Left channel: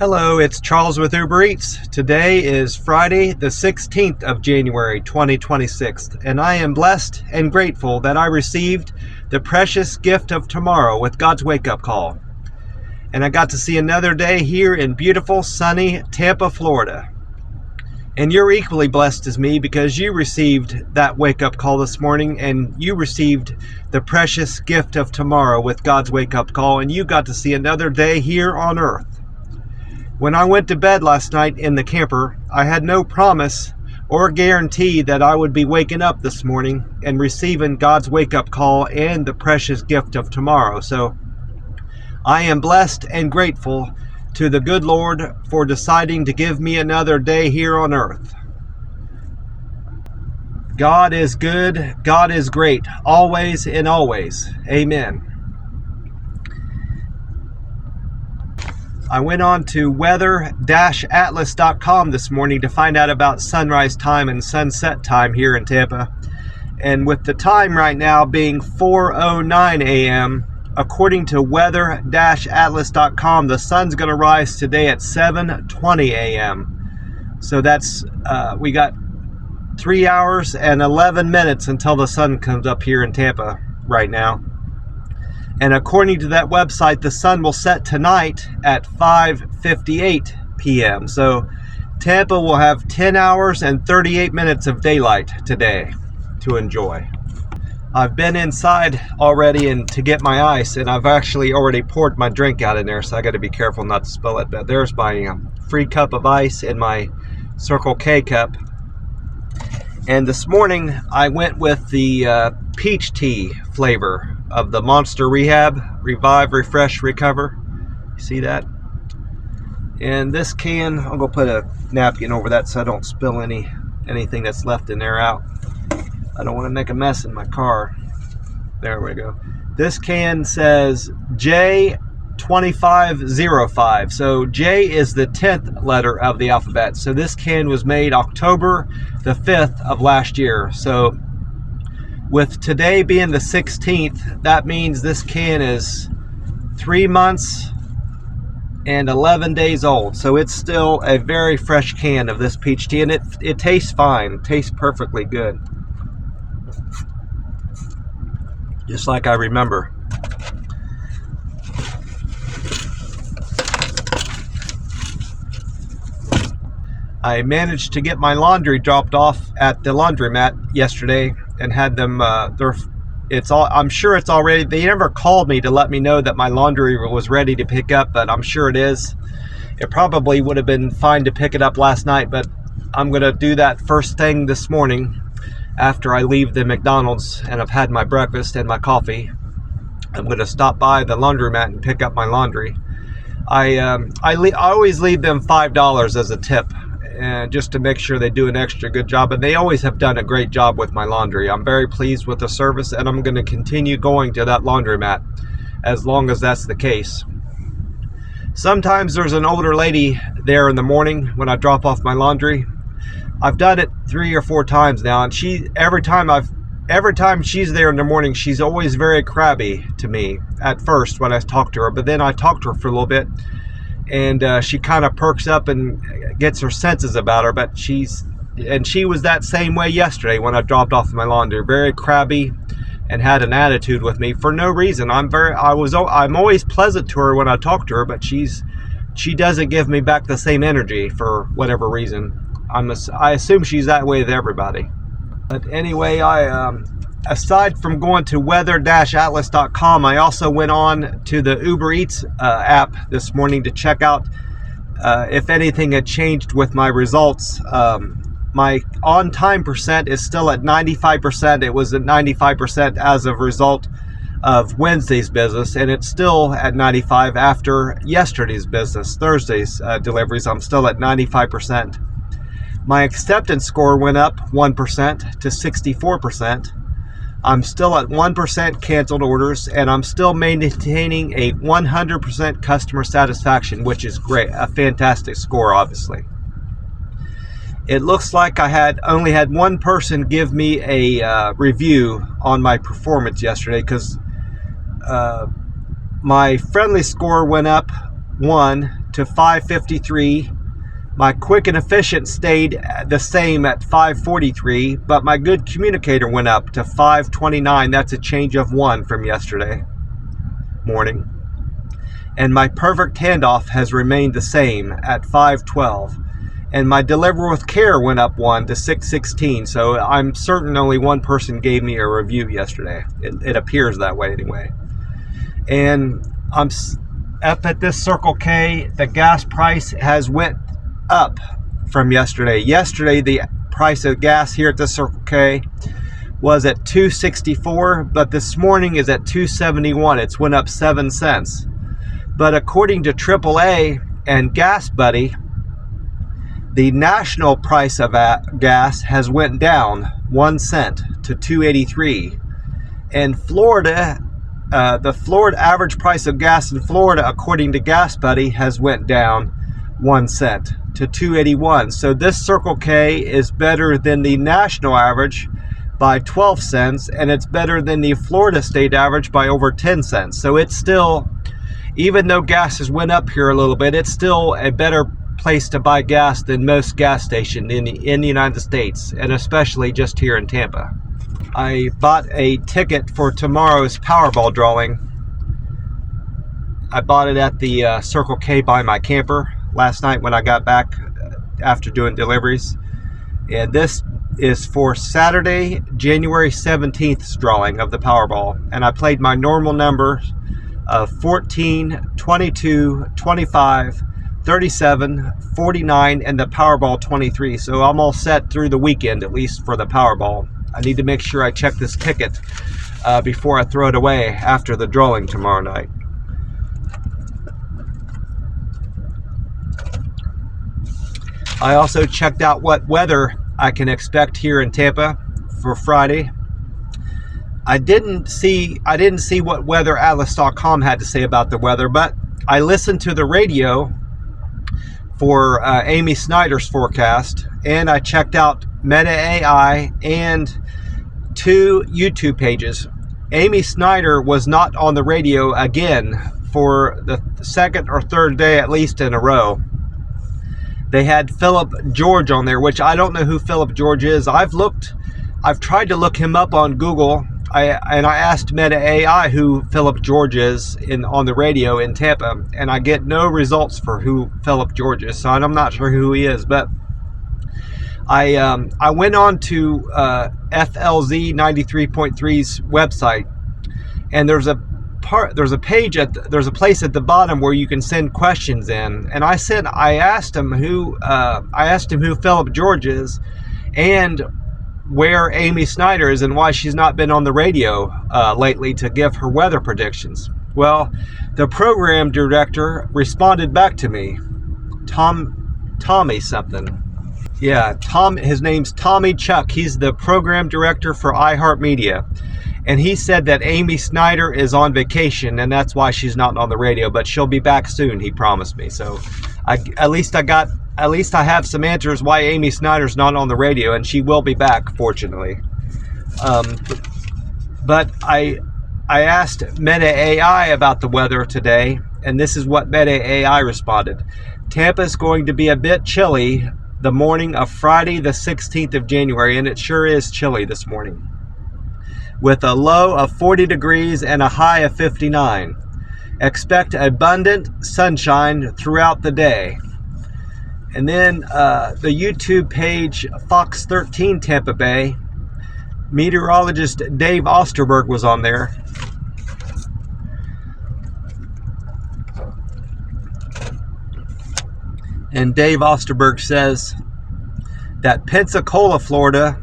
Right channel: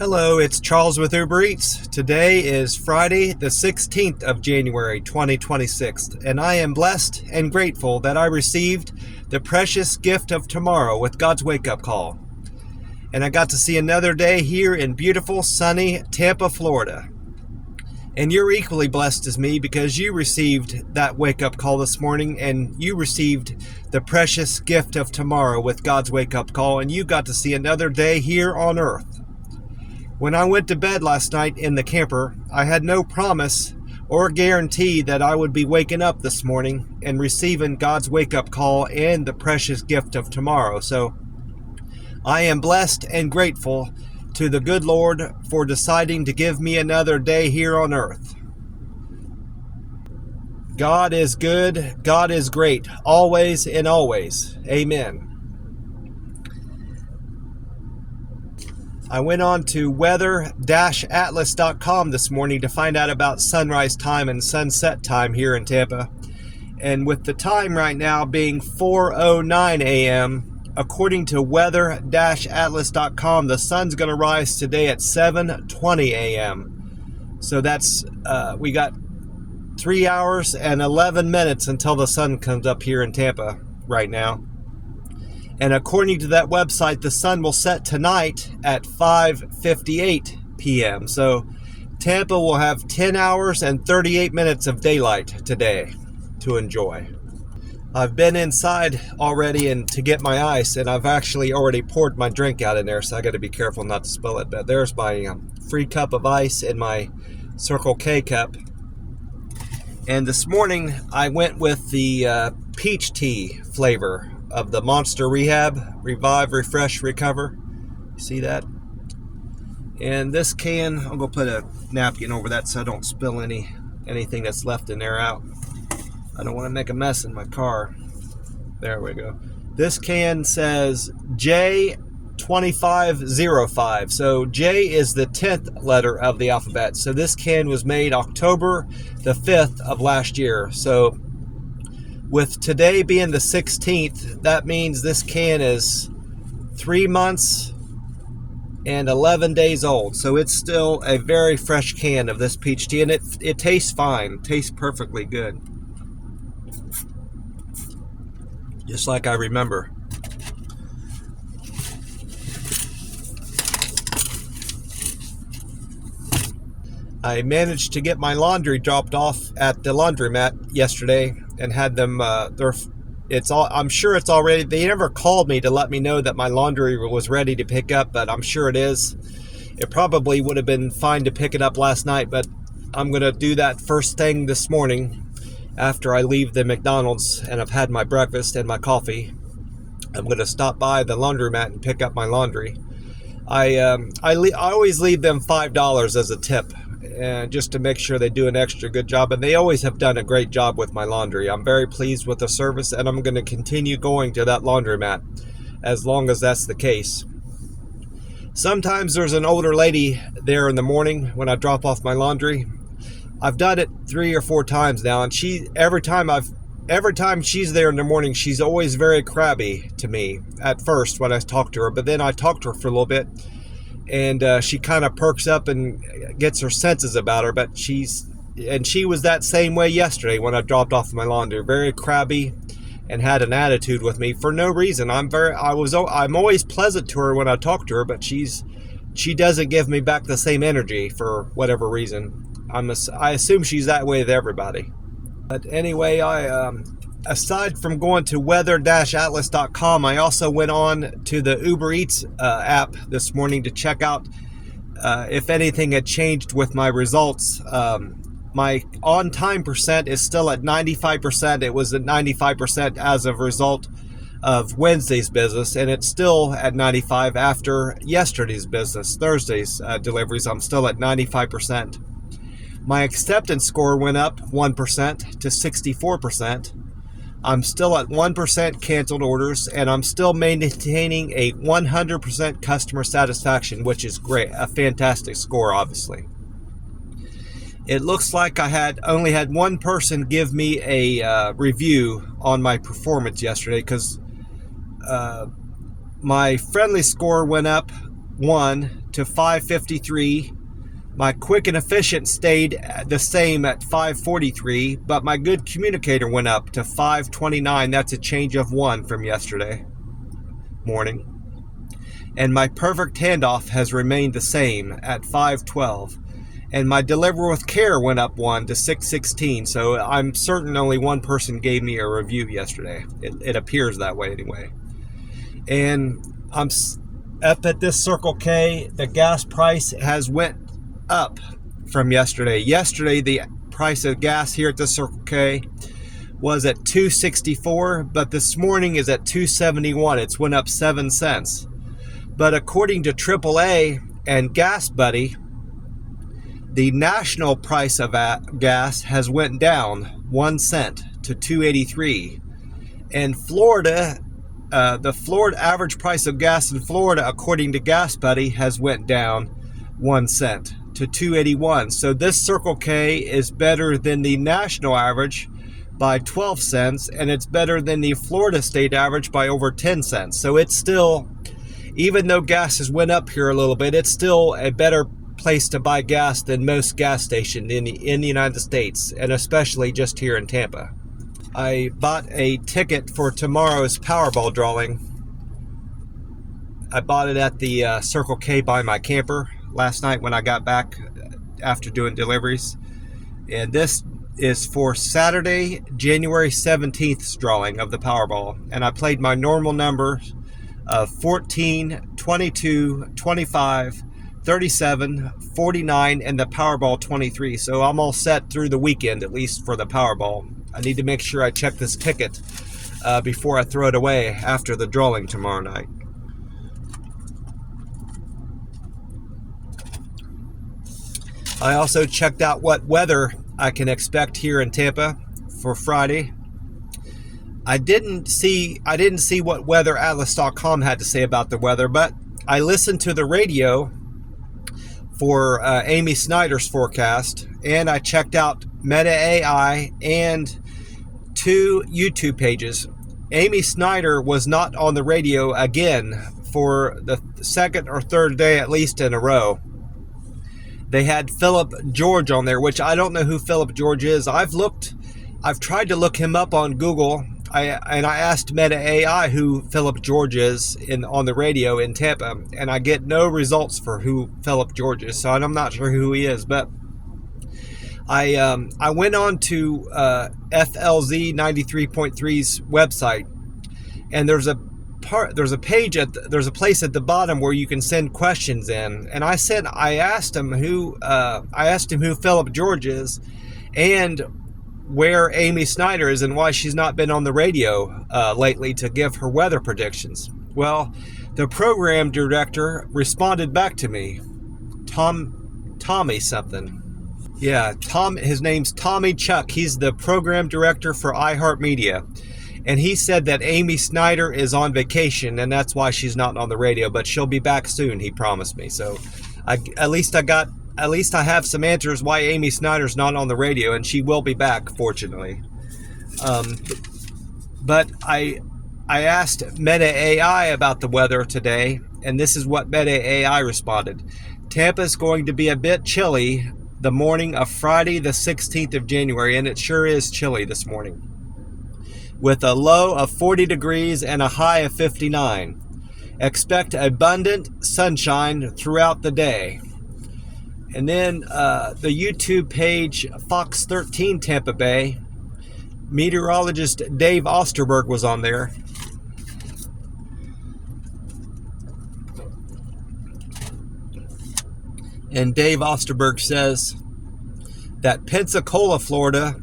Hello, it's Charles with Uber Eats. Today is Friday, the 16th of January, 2026, and I am blessed and grateful that I received the precious gift of tomorrow with God's wake-up call. And I got to see another day here in beautiful, sunny Tampa, Florida. And you're equally blessed as me because you received that wake-up call this morning and you received the precious gift of tomorrow with God's wake-up call, and you got to see another day here on earth. When I went to bed last night in the camper, I had no promise or guarantee that I would be waking up this morning and receiving God's wake-up call and the precious gift of tomorrow. So I am blessed and grateful to the good Lord for deciding to give me another day here on earth. God is good, God is great, always and always. Amen. I went on to weather-atlas.com this morning to find out about sunrise time and sunset time here in Tampa. And with the time right now being 4:09 a.m., according to weather-atlas.com, the sun's going to rise today at 7:20 a.m. So that's, we got 3 hours and 11 minutes until the sun comes up here in Tampa right now. And according to that website, the sun will set tonight at 5:58 p.m. So Tampa will have 10 hours and 38 minutes of daylight today to enjoy. I've been inside already and to get my ice, and I've actually already poured my drink out in there, so I got to be careful not to spill it. But there's my free cup of ice in my Circle K cup. And this morning I went with the peach tea flavor of the Monster Rehab, Revive, Refresh, Recover. You see that? And this can, I'm going to put a napkin over that so I don't spill anything that's left in there out. I don't want to make a mess in my car. There we go. This can says J2505. So J is the 10th letter of the alphabet. So this can was made October the 5th of last year. So with today being the 16th, that means this can is 3 months and 11 days old. So it's still a very fresh can of this peach tea, and it tastes fine. It tastes perfectly good. Just like I remember. I managed to get my laundry dropped off at the laundromat yesterday and had them, I'm sure it's already, they never called me to let me know that my laundry was ready to pick up, but I'm sure it is. It probably would have been fine to pick it up last night, but I'm going to do that first thing this morning after I leave the McDonald's and I've had my breakfast and my coffee. I'm going to stop by the laundromat and pick up my laundry. I always leave them $5 as a tip, and just to make sure they do an extra good job, and they always have done a great job with my laundry. I'm very pleased with the service, and I'm going to continue going to that laundromat as long as that's the case. Sometimes there's an older lady there in the morning when I drop off my laundry. I've done it 3 or 4 times now, and every time she's there in the morning, she's always very crabby to me at first when I talk to her, but then I talk to her for a little bit, and she kind of perks up and gets her senses about her. But she was that same way yesterday when I dropped off my laundry, very crabby and had an attitude with me for no reason. I'm always pleasant to her when I talk to her, but she doesn't give me back the same energy for whatever reason. I assume she's that way with everybody. But anyway, aside from going to weather-atlas.com, I also went on to the Uber Eats app this morning to check out if anything had changed with my results. My on-time percent is still at 95%. It was at 95% as a result of Wednesday's business, and it's still at 95% after yesterday's business, Thursday's deliveries. I'm still at 95%. My acceptance score went up 1% to 64%. I'm still at 1% canceled orders, and I'm still maintaining a 100% customer satisfaction, which is great, a fantastic score, obviously. It looks like I only had one person give me a review on my performance yesterday, because my friendly score went up 1 to $5.53. My quick and efficient stayed the same at $5.43, but my good communicator went up to $5.29. That's a change of 1 from yesterday morning. And my perfect handoff has remained the same at $5.12. And my deliver with care went up 1 to $6.16. So I'm certain only one person gave me a review yesterday. It appears that way anyway. And I'm up at this Circle K. The gas price has went up from yesterday. Yesterday, the price of gas here at the Circle K was at $2.64, but this morning is at $2.71. It's went up 7 cents. But according to AAA and Gas Buddy, the national price of gas has went down 1 cent to $2.83. And Florida, the Florida average price of gas in Florida, according to Gas Buddy, has went down 1 cent to $2.81. So this Circle K is better than the national average by 12 cents, and it's better than the Florida state average by over 10 cents. So it's still, even though gas has went up here a little bit, it's still a better place to buy gas than most gas stations in the United States, and especially just here in Tampa. I bought a ticket for tomorrow's Powerball drawing. I bought it at the Circle K by my camper last night when I got back after doing deliveries. And this is for Saturday, January 17th's drawing of the Powerball. And I played my normal numbers of 14, 22, 25, 37, 49, and the Powerball 23. So I'm all set through the weekend, at least for the Powerball. I need to make sure I check this ticket before I throw it away after the drawing tomorrow night. I also checked out what weather I can expect here in Tampa for Friday. I didn't see what weatheratlas.com had to say about the weather, but I listened to the radio for Amy Snyder's forecast, and I checked out Meta AI and 2 YouTube pages. Amy Snyder was not on the radio again for the second or third day at least in a row. They had Philip George on there, which I don't know who Philip George is. I've tried to look him up on Google. I asked Meta AI who Philip George is on the radio in Tampa, and I get no results for who Philip George is, so I'm not sure who he is. But I went on to FLZ 93.3's website, and there's a place at the bottom where you can send questions in, and I asked him who Philip George is, and where Amy Snyder is, and why she's not been on the radio lately to give her weather predictions. Well, the program director responded back to me, Tommy something. Yeah, his name's Tommy Chuck. He's the program director for iHeartMedia. And he said that Amy Snyder is on vacation, and that's why she's not on the radio, but she'll be back soon, he promised me. So at least I have some answers why Amy Snyder's not on the radio, and she will be back, fortunately. But I asked Meta AI about the weather today, and this is what Meta AI responded. Tampa's going to be a bit chilly the morning of Friday the 16th of January, and it sure is chilly this morning, with a low of 40 degrees and a high of 59. Expect abundant sunshine throughout the day. And then the YouTube page Fox 13 Tampa Bay, meteorologist Dave Osterberg was on there. And Dave Osterberg says that Pensacola, Florida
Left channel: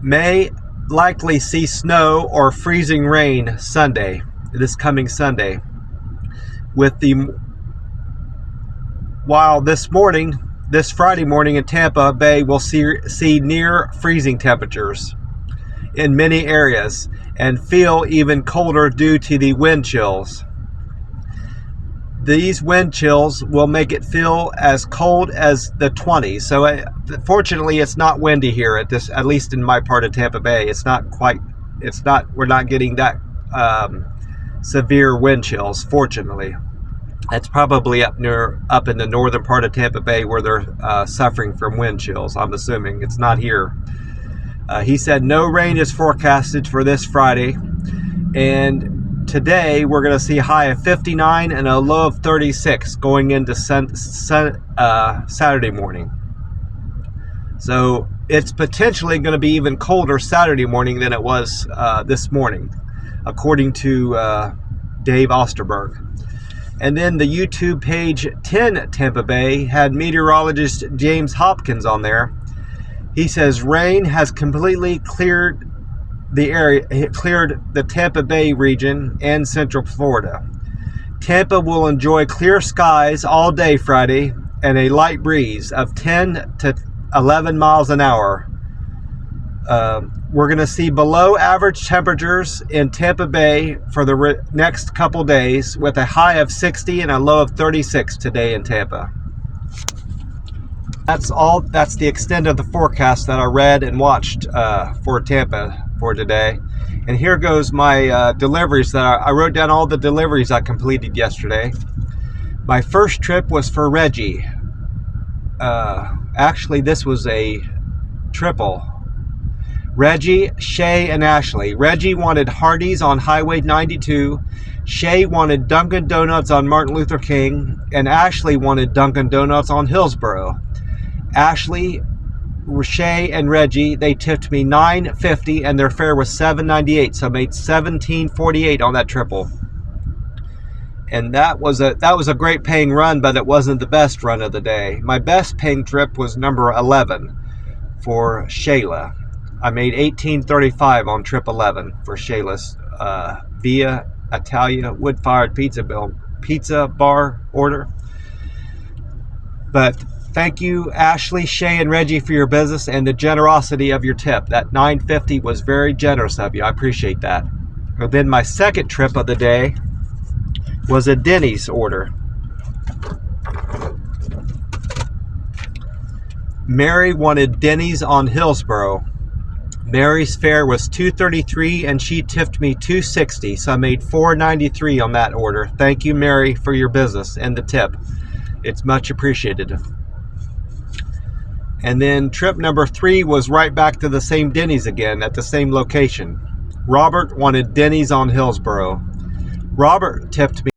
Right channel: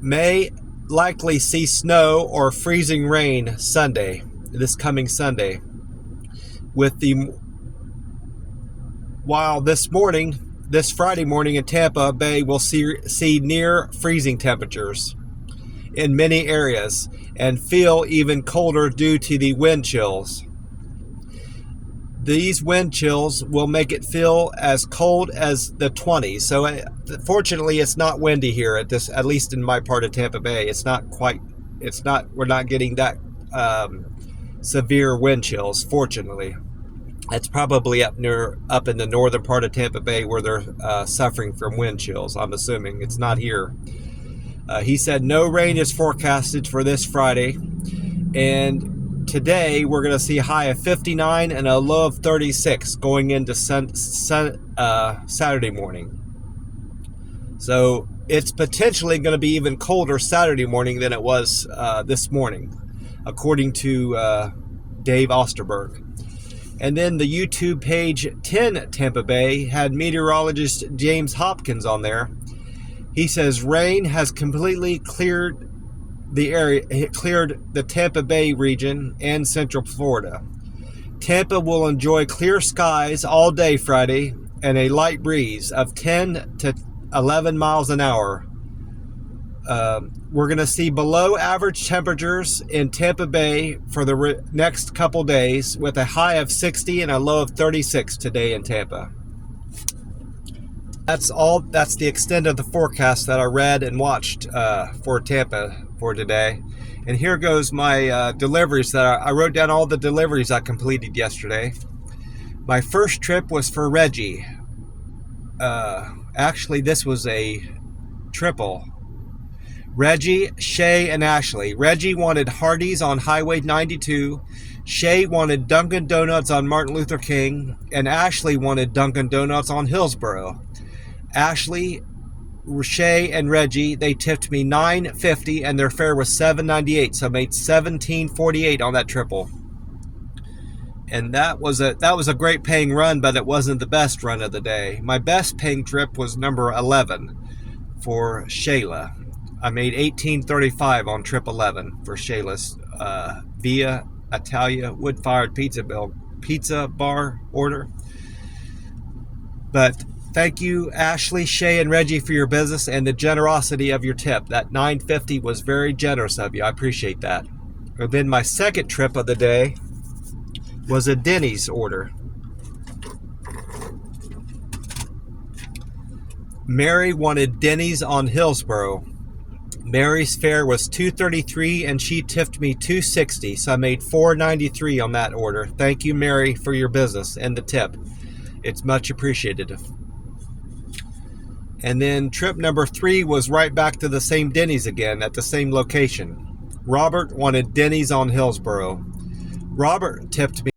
may likely see snow or freezing rain Sunday, this coming Sunday. While this Friday morning in Tampa Bay will see near freezing temperatures in many areas and feel even colder due to the wind chills. These wind chills will make it feel as cold as the 20s. So fortunately, it's not windy here at least in my part of Tampa Bay. We're not getting that severe wind chills, fortunately. It's probably up in the northern part of Tampa Bay where they're suffering from wind chills. I'm assuming it's not here. He said no rain is forecasted for this Friday, and today we're going to see a high of 59 and a low of 36 going into Saturday morning. So it's potentially going to be even colder Saturday morning than it was this morning, according to Dave Osterberg. And then the YouTube page 10 Tampa Bay had meteorologist James Hopkins on there. He says rain has completely cleared the area, cleared the Tampa Bay region and Central Florida. Tampa will enjoy clear skies all day Friday and a light breeze of 10 to 11 miles an hour. We're going to see below average temperatures in Tampa Bay for the next couple days, with a high of 60 and a low of 36 today in Tampa. That's all. That's the extent of the forecast that I read and watched for Tampa for today. And here goes my deliveries that I wrote down all the deliveries I completed yesterday. My first trip was for Reggie. Actually, this was a triple. Reggie, Shay, and Ashley. Reggie wanted Hardee's on Highway 92. Shay wanted Dunkin' Donuts on Martin Luther King. And Ashley wanted Dunkin' Donuts on Hillsborough. Ashley, Shay, and Reggie, they tipped me $9.50 and their fare was $7.98. So I made $17.48 on that triple. And that was a great paying run, but it wasn't the best run of the day. My best paying trip was number 11 for Shayla. I made $18.35 on trip 11 for Shayla's via Italia wood-fired pizza bar order. But thank you, Ashley, Shay, and Reggie, for your business and the generosity of your tip. That $9.50 was very generous of you. I appreciate that. And then my second trip of the day was a Denny's order. Mary wanted Denny's on Hillsborough. Mary's fare was $2.33 and she tipped me $2.60, so I made $4.93 on that order. Thank you, Mary, for your business and the tip. It's much appreciated. And then trip number 3 was right back to the same Denny's again at the same location. Robert wanted Denny's on Hillsborough. Robert tipped me